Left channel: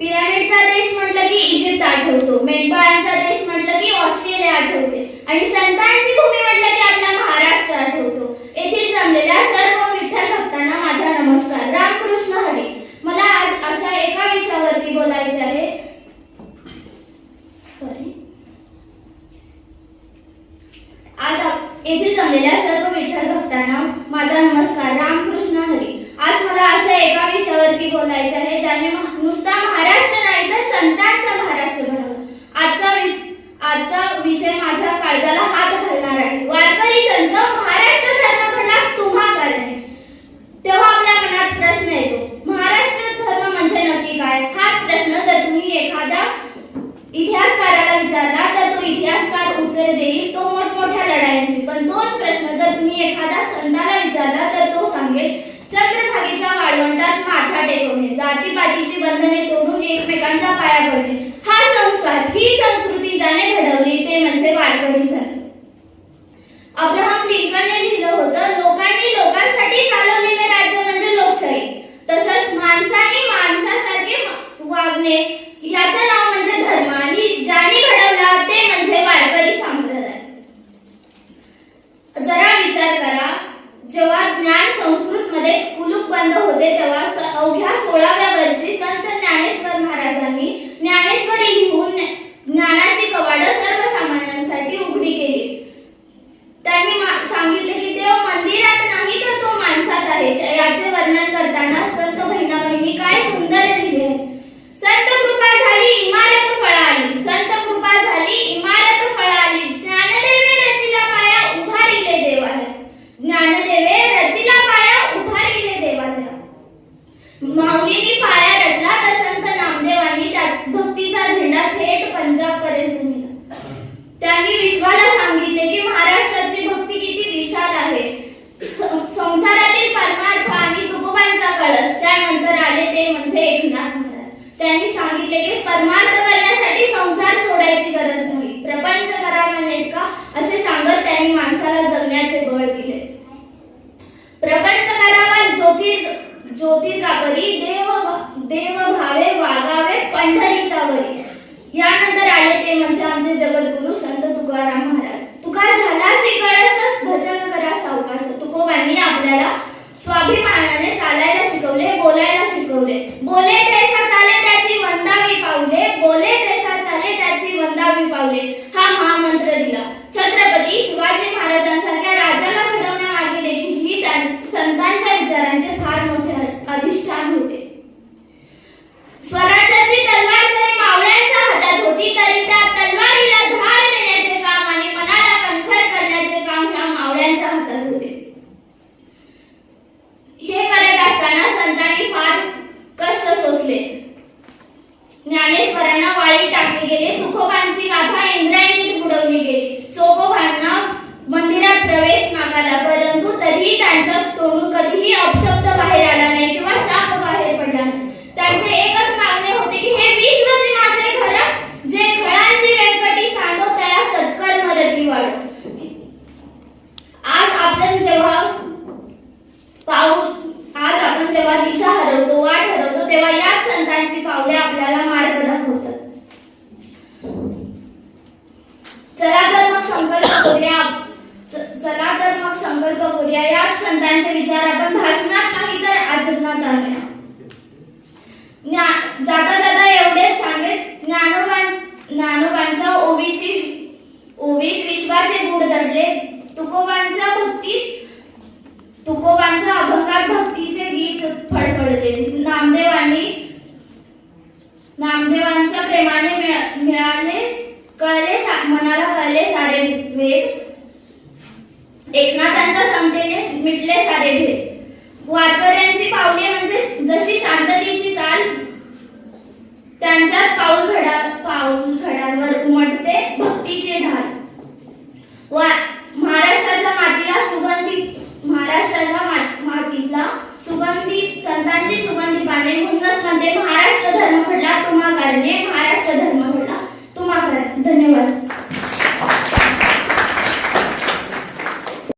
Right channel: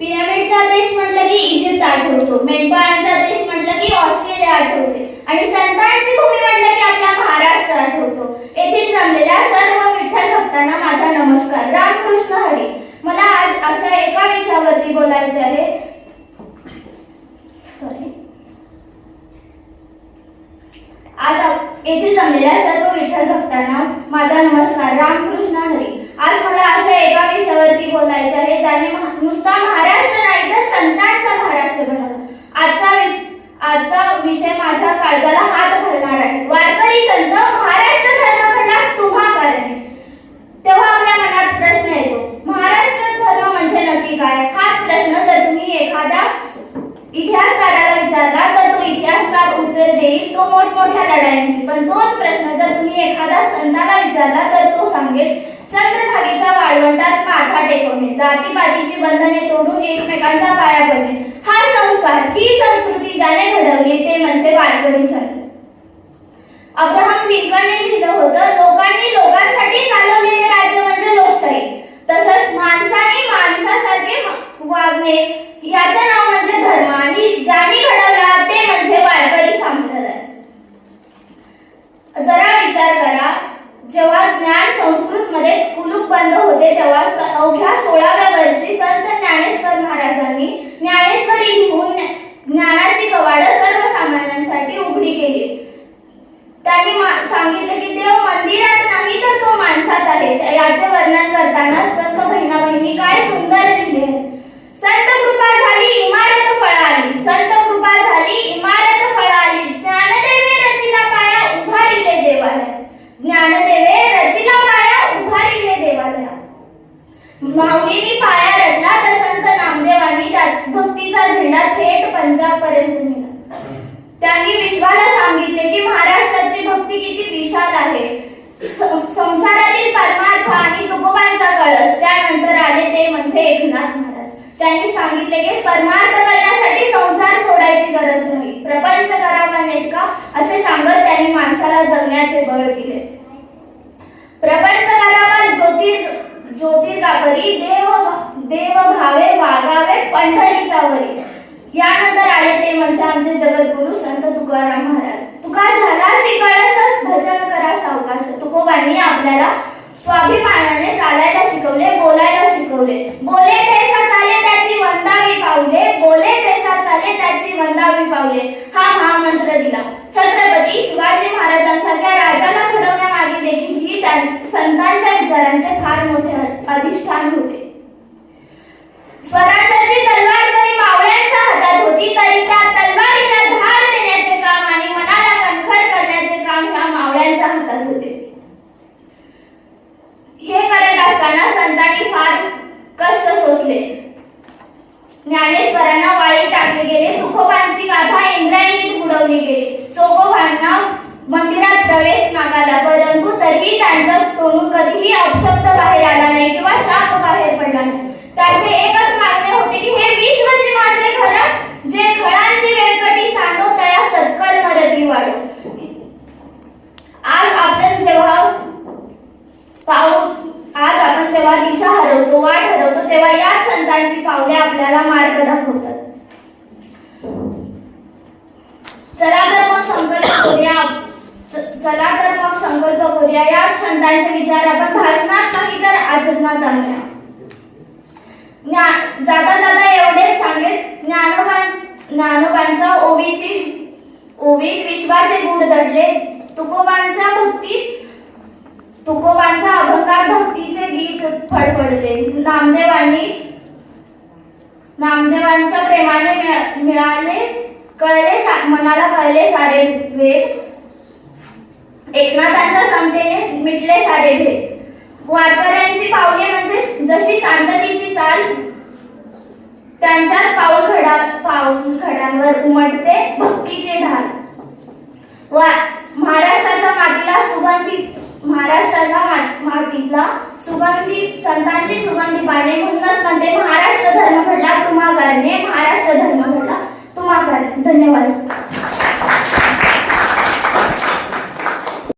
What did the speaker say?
पिरामिडचा देश म्हटलं की इजिप्त आठवतो, मेंढपाळांचा देश म्हटलं की ऑस्ट्रेलिया आठवते आणि संतांची भूमी म्हटलं की आपला महाराष्ट्र आठवतो. येथे जमलेल्या सर्व विठ्ठल भक्तांना माझा नमस्कार. रामकृष्ण हरी. मला आज अशा एका विषयावरती बोलायचे आहे. येथे जमलेल्या सर्व विठ्ठल भक्तांना माझा नमस्कार. रामकृष्ण हरी. आज मला अशा एका विषयावरती बोलायचे आहे ज्याने नुसता महाराष्ट्र नाही तर संतांचा महाराष्ट्र बनवला. आजचा विषय माझ्या काळजाला हात घालणार आहे. वारकरी संत, महाराष्ट्र धर्म घडला तुम्हा कारणे. तेव्हा आपल्या मनात प्रश्न येतो, महाराष्ट्र धर्म म्हणजे नक्की काय? हाच प्रश्न जर तुम्ही एखाद्या इतिहासकाराला विचारला तर तो इतिहासकार उत्तर देईल तो मोठमोठ्या लढायांची. पण तोच प्रश्न जर तुम्ही एखाद्या संताला विचारला तर तो सांगेल चंद्रभागेच्या वाळवंटात माथा टेकवणे, जातीपातीची बंधने तोडून एकमेकांच्या पाया पडणे. हा संस्कार, ही संस्कृती ज्याने घडवली ते म्हणजे वारकरी संत. अब्राहम लिंकनने लिहिलं होतं, लोकांनी लोकांसाठी चालवलेले राज्य म्हणजे लोकशाही. तसंच माणसाने माणसासारखे वागणे याचं नाव म्हणजे धर्म आणि ज्याने घडवला ते म्हणजे वारकरी संप्रदाय. जरा विचार करा, जेव्हा ज्ञान संस्कृत मध्ये कुलूप बंद होते तेव्हा अवघ्या 16व्या वर्षी संत ज्ञानेश्वर महाराजांनी ज्ञानेश्वरी लिहून ज्ञानाची कवाडं सर्वसामान्यांसाठी उघडी केली. त्यांनी सांगितले की देव मंदिरात नाही तर तो माणसात आहे. याचे वर्णन करताना संत बहिणी काय सुंदर लिहिले. संत कृपा झाली इमारत फळाली, संत कृपा झाली इमारत फळाली, ज्ञानदेवे रचिला पाया उभारिले देवालय, ज्ञानदेवे रचिला पाया उभारिले देवालय. माऊलींनी पाया रचला तर संत नामदेवांनी भक्तीचा झेंडा थेट पंजाब पर्यंत नेला. त्यांनी विश्वाला सांगितले की महाराष्ट्राची भक्ती किती विशाल आहे. संसारातील परमार्थ आणि तुकोबांचा कळस, त्यानंतर आले ते म्हणजे एकनाथ महाराज. त्यांनी सांगितले की परमार्थ करण्यासाठी संसार सोडायची गरज नाही, प्रपंच करावा नेटका असे सांगत त्यांनी माणसाला जगण्याचे बळ दिले. प्रपंच करावा ज्योतिर्गापरी, देव भावे वागावे पंढरीच्या वरी. यानंतर आले ते म्हणजे आमचे जगद्गुरु संत तुकाराम महाराज. तुका झालासी कळस भजन करा सावकाश. तुकोबांनी आपल्याला स्वाभिमानाने चालायला शिकवले, बोलायला शिकवले. बोले तैसा चाले त्याची वंदावी पावले, बोले तैसा चाले त्याची वंदावी पावले हा मंत्र दिला. छत्रपती शिवाजी महाराजांसारख्या राजाला घडवण्यामागे देखील ही संतांच्या विचारांचे फार मोठे अधिष्ठान होते. स्वराज्याची तलवार जरी मावळ्यांच्या हातात होती तरी त्या तलवारीला धार देण्याचे काम आणि मनाला कणखर करण्याचे काम ह्या मावळ्यांच्या हातात होते. हे करत असताना संतांनी फार कष्ट सोसले. ज्ञानेश्वरांना वाळी टाकले गेले, तुकोबांची गाथा इंद्रायणीच बुडवली गेली, चोखोबांना मंदिरात प्रवेश नाकारला, परंतु तरीही त्यांच्या तोंडून कधीही अपशब्द बाहेर आला नाही किंवा शाप बाहेर पडला नाही. त्यांचे एकच मागणे होते की हे विश्वचे माझे खरं, जे खळांची वेळकटी सांडो त्या सत्कल मरती वाढो. आज आपण जेव्हा दिशा हरवतो, वाट हरवतो, तेव्हा याच संतांची पावले आपल्याला मार्ग दाखवतात. चला तर मग संकल्प करूया याच संतांचे विचार आपण भाषणात नाही तर आचरणात आणूया. जाता जाता एवढेच सांगेल, ज्ञानोबांच्या ओवीत विश्वाचे गुढ दडले, तुकोबांच्या अभंगात भक्तीचे गीत फडफडले, नामदेवांच्या प्रेमाने मनाला कळले सारे वेद, एकनाथांच्या समतेने मिटले सारे भेद. वारकऱ्यांची पावले म्हणजे जशी शांततेची चाल, त्यांच्याच पाऊल घडांवर उमटते भक्तीचे ढाल. महाराष्ट्राच्या मातीतला सुगंधी संतांची सुगंधी पाने, म्हणूनच म्हणते महाराष्ट्र धर्म घडला तुम्हा कारणे, महाराष्ट्र धर्म घडला तुम्हा कारणे. धन्यवाद.